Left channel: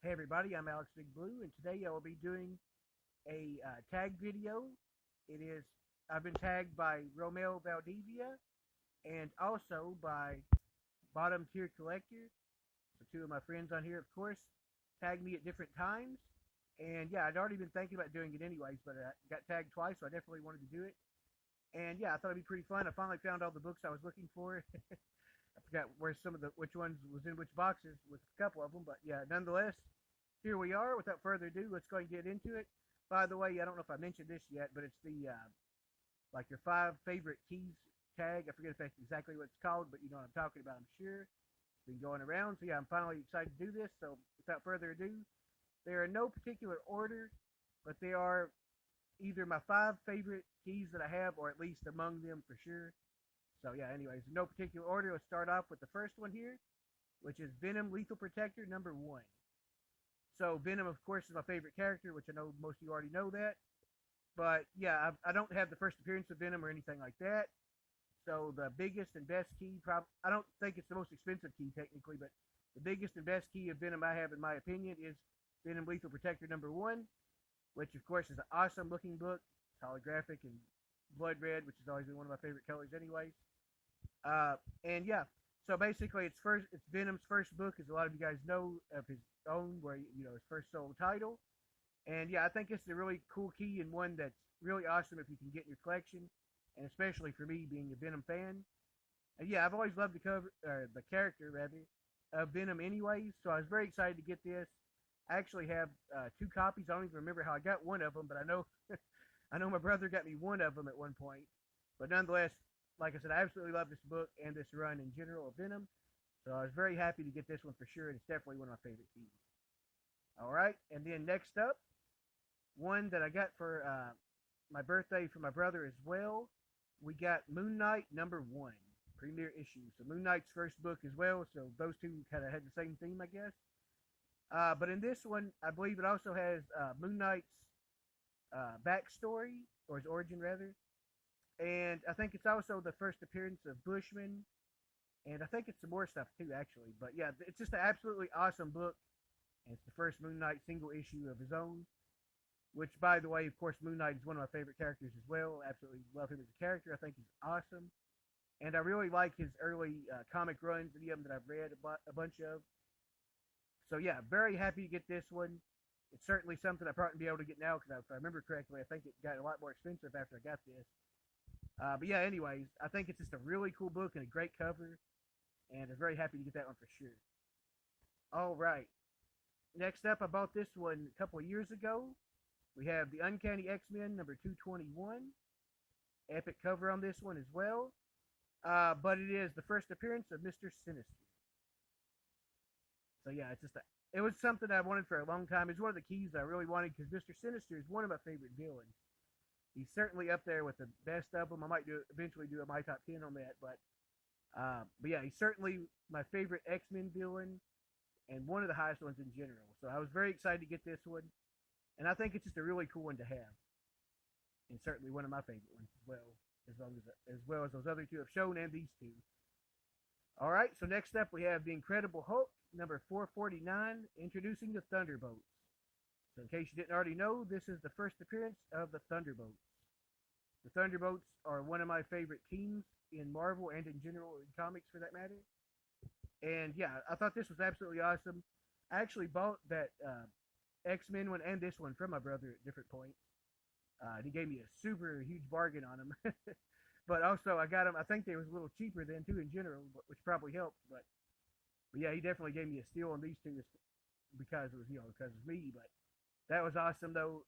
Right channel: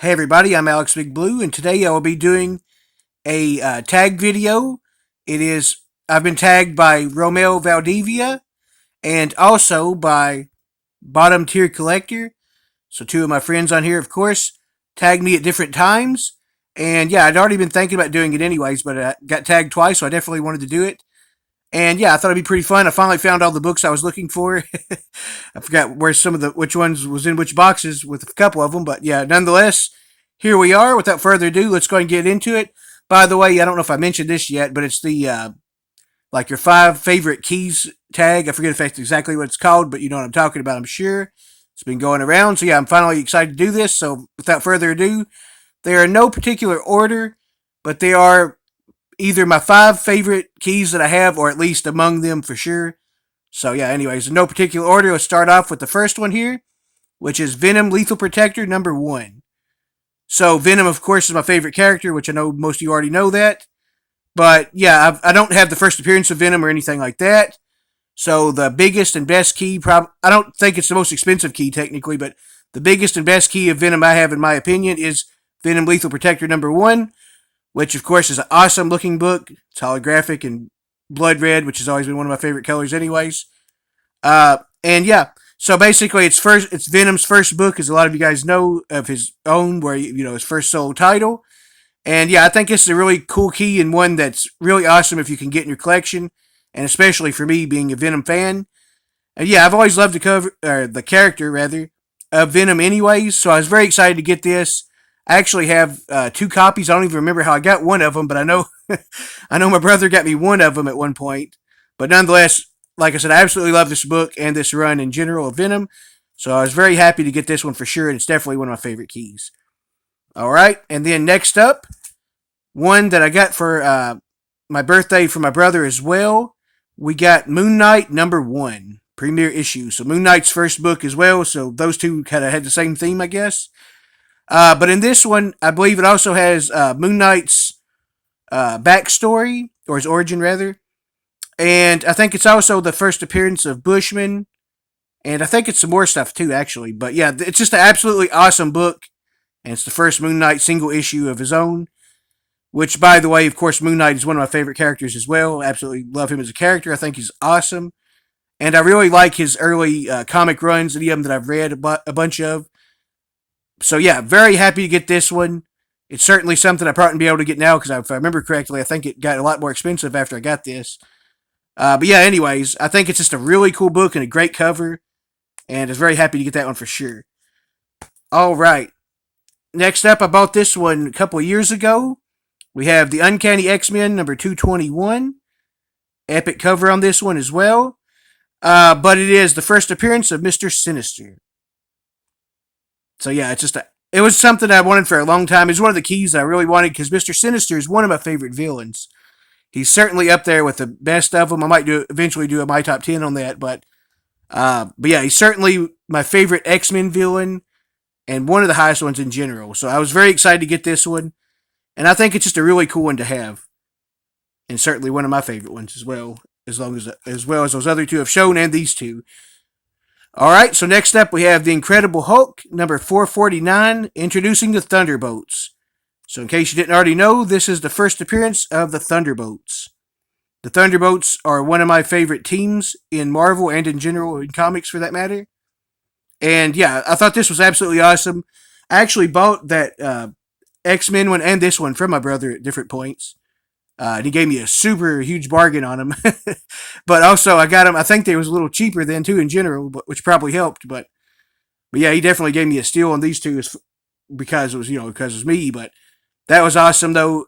Hey everybody, I'm Alex Big Blue, and today I will be doing a tag video. It is I've been tagged by Romeo Valdivia and also by Bottom Tier Collector. So two of my friends on here, of course, tagged me at different times. And yeah, I'd already been thinking about doing it anyways, but I got tagged twice, so I definitely wanted to do it. And yeah, I thought it'd be pretty fun. I finally found all the books I was looking for. I forgot where which ones was in which boxes with a couple of them, but yeah, nonetheless, here we are. Without further ado, let's go and get into it. By the way, I don't know if I mentioned this yet, but it's the like your 5 favorite keys tag. I forget if that's exactly what it's called, but you know what I'm talking about, I'm sure. It's been going around. So yeah, I'm finally excited to do this. So without further ado, they are in no particular order, but they are either my 5 favorite keys that I have, or at least among them for sure. So yeah, anyways, in no particular order, let's start off with the first one here, which is Venom Lethal Protector number 1. So Venom, of course, is my favorite character, which I know most of you already know that. But yeah, I don't have the first appearance of Venom or anything like that. So the biggest and best key, I don't think it's the most expensive key technically, but the biggest and best key of Venom I have, in my opinion, is Venom Lethal Protector number 1, which of course is an awesome looking book. It's holographic and blood red, which has always been one of my favorite colors, anyways. And yeah, so basically, it's Venom's first book, as a lot of you guys know, of his own, where his first solo title. And yeah, I think this is a really cool key, and one that's really awesome if you can get in your collection, and especially for me being a Venom fan. And yeah, I've always loved the character rather of Venom, anyways. So I was very excited to get this. I actually have 2 copies. I don't even remember how I got one of them, but I know I know my brother got me one of them at one point. But nonetheless, like I said, I absolutely love this book and this run in general of Venom. So I was very happy to get this one for sure, and it's definitely one of my favorite keys. All right, and then next up, one that I got for my birthday from my brother as well. We got Moon Knight number 1, premiere issue. So Moon Knight's first book as well. So those two kind of had the same theme, I guess. But in this one, I believe it also has Moon Knight's backstory, or his origin rather. And I think it's also the first appearance of Bushman. And I think it's some more stuff too, actually. But yeah, it's just an absolutely awesome book. And it's the first Moon Knight single issue of his own. Which, by the way, of course, Moon Knight is one of my favorite characters as well. Absolutely love him as a character. I think he's awesome. And I really like his early comic runs, any of them that I've read a bunch of. So yeah, very happy to get this one. It's certainly something I probably won't be able to get now, because if I remember correctly, I think it got a lot more expensive after I got this. But yeah, anyways, I think it's just a really cool book and a great cover, and I was very happy to get that one for sure. All right. Next up, I bought this one a couple of years ago. We have the Uncanny X-Men number 221. Epic cover on this one as well. But it is the first appearance of Mr. Sinister. So yeah, it was something I wanted for a long time. It's one of the keys that I really wanted, because Mr. Sinister is one of my favorite villains. He's certainly up there with the best of them. I might eventually do a my top 10 on that, but yeah, he's certainly my favorite X-Men villain, and one of the highest ones in general. So I was very excited to get this one, and I think it's just a really cool one to have, and certainly one of my favorite ones as well. As well as those other two have shown, and these two. All right, so next up we have the Incredible Hulk number 449, introducing the Thunderbolts. So in case you didn't already know, this is the first appearance of the Thunderbolts. The Thunderbolts are one of my favorite teams in Marvel, and in general in comics for that matter. And yeah, I thought this was absolutely awesome. I actually bought that X-Men one and this one from my brother at different points. And he gave me a super huge bargain on them. But also, I got them, I think they was a little cheaper then too in general, which probably helped. But yeah, he definitely gave me a steal on these two, because it was, because it was me. But that was awesome though.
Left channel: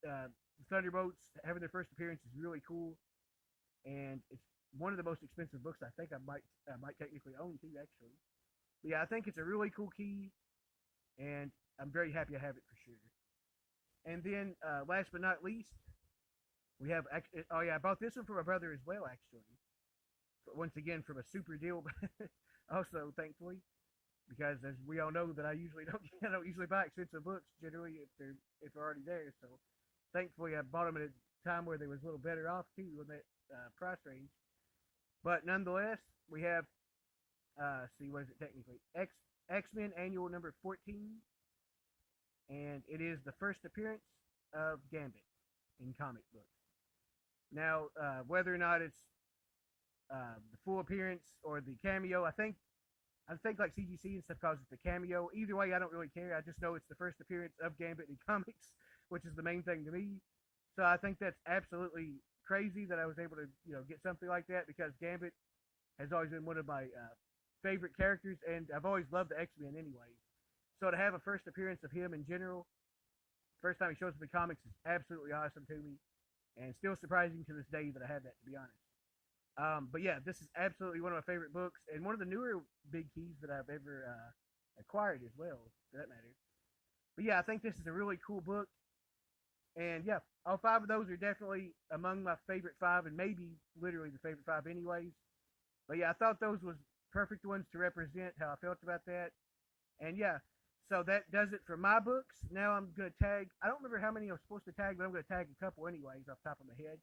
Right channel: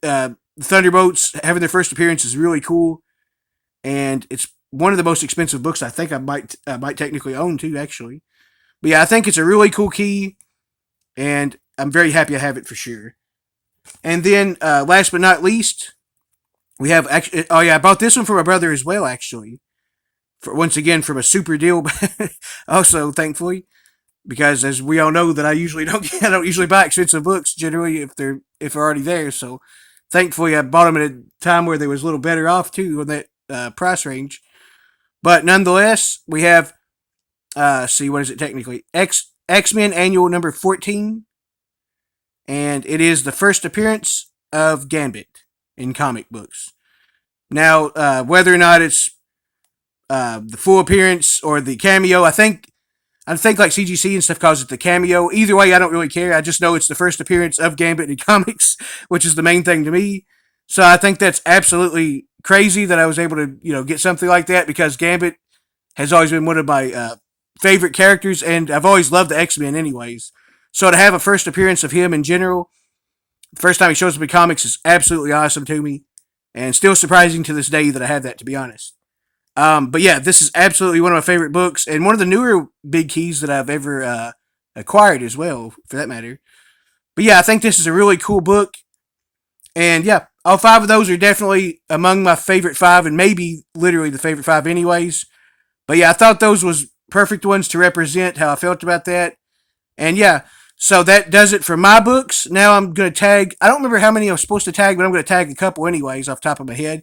The Thunderbolts having their first appearance is really cool, and it's one of the most expensive books I think I might technically own too, actually. But yeah, I think it's a really cool key, and I'm very happy I have it for sure. And then, last but not least, we have actually. Oh yeah, I bought this one for my brother as well, actually. For once again from a super deal, also thankfully, because as we all know that I don't usually buy expensive books generally if they're already there. So thankfully, I bought them at a time where they was a little better off too on that price range. But nonetheless, we have see, what is it technically? X Men Annual number 14. and it is the first appearance of Gambit in comic books. Now, whether or not it's the full appearance or the cameo, I think like CGC and stuff calls it the cameo. Either way, I don't really care. I just know it's the first appearance of Gambit in comics, which is the main thing to me. So I think that's absolutely crazy that I was able to, get something like that because Gambit has always been one of my favorite characters, and I've always loved the X-Men anyways. So to have a first appearance of him in general, the first time he shows up in comics is absolutely awesome to me, and still surprising to this day that I have that, to be honest. But yeah, this is absolutely one of my favorite books, and one of the newer big keys that I've ever acquired as well, for that matter. But yeah, I think this is a really cool book, and yeah, all five of those are definitely among my favorite five, and maybe literally the favorite five, anyways. But yeah, I thought those was perfect ones to represent how I felt about that, and yeah. So that does it for my books. Now I'm going to tag, I don't remember how many I'm supposed to tag, but I'm going to tag a couple anyways off the top of my head.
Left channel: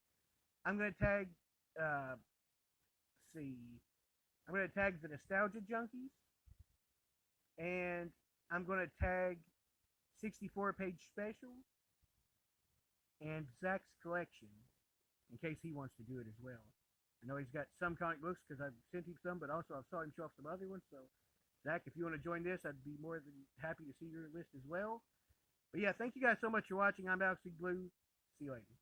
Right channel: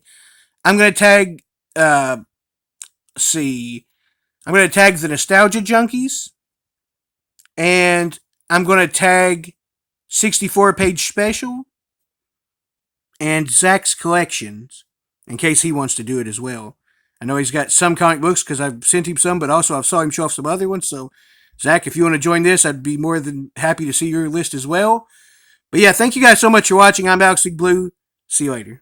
I'm going to tag, see, I'm going to tag the Nostalgia Junkies, and I'm going to tag 64-page special and Zach's collections in case he wants to do it as well. I know he's got some comic books because I've sent him some, but also I've saw him show off some other ones. So, Zach, if you want to join this, I'd be more than happy to see your list as well. But yeah, thank you guys so much for watching. I'm Alex Blue. See you later.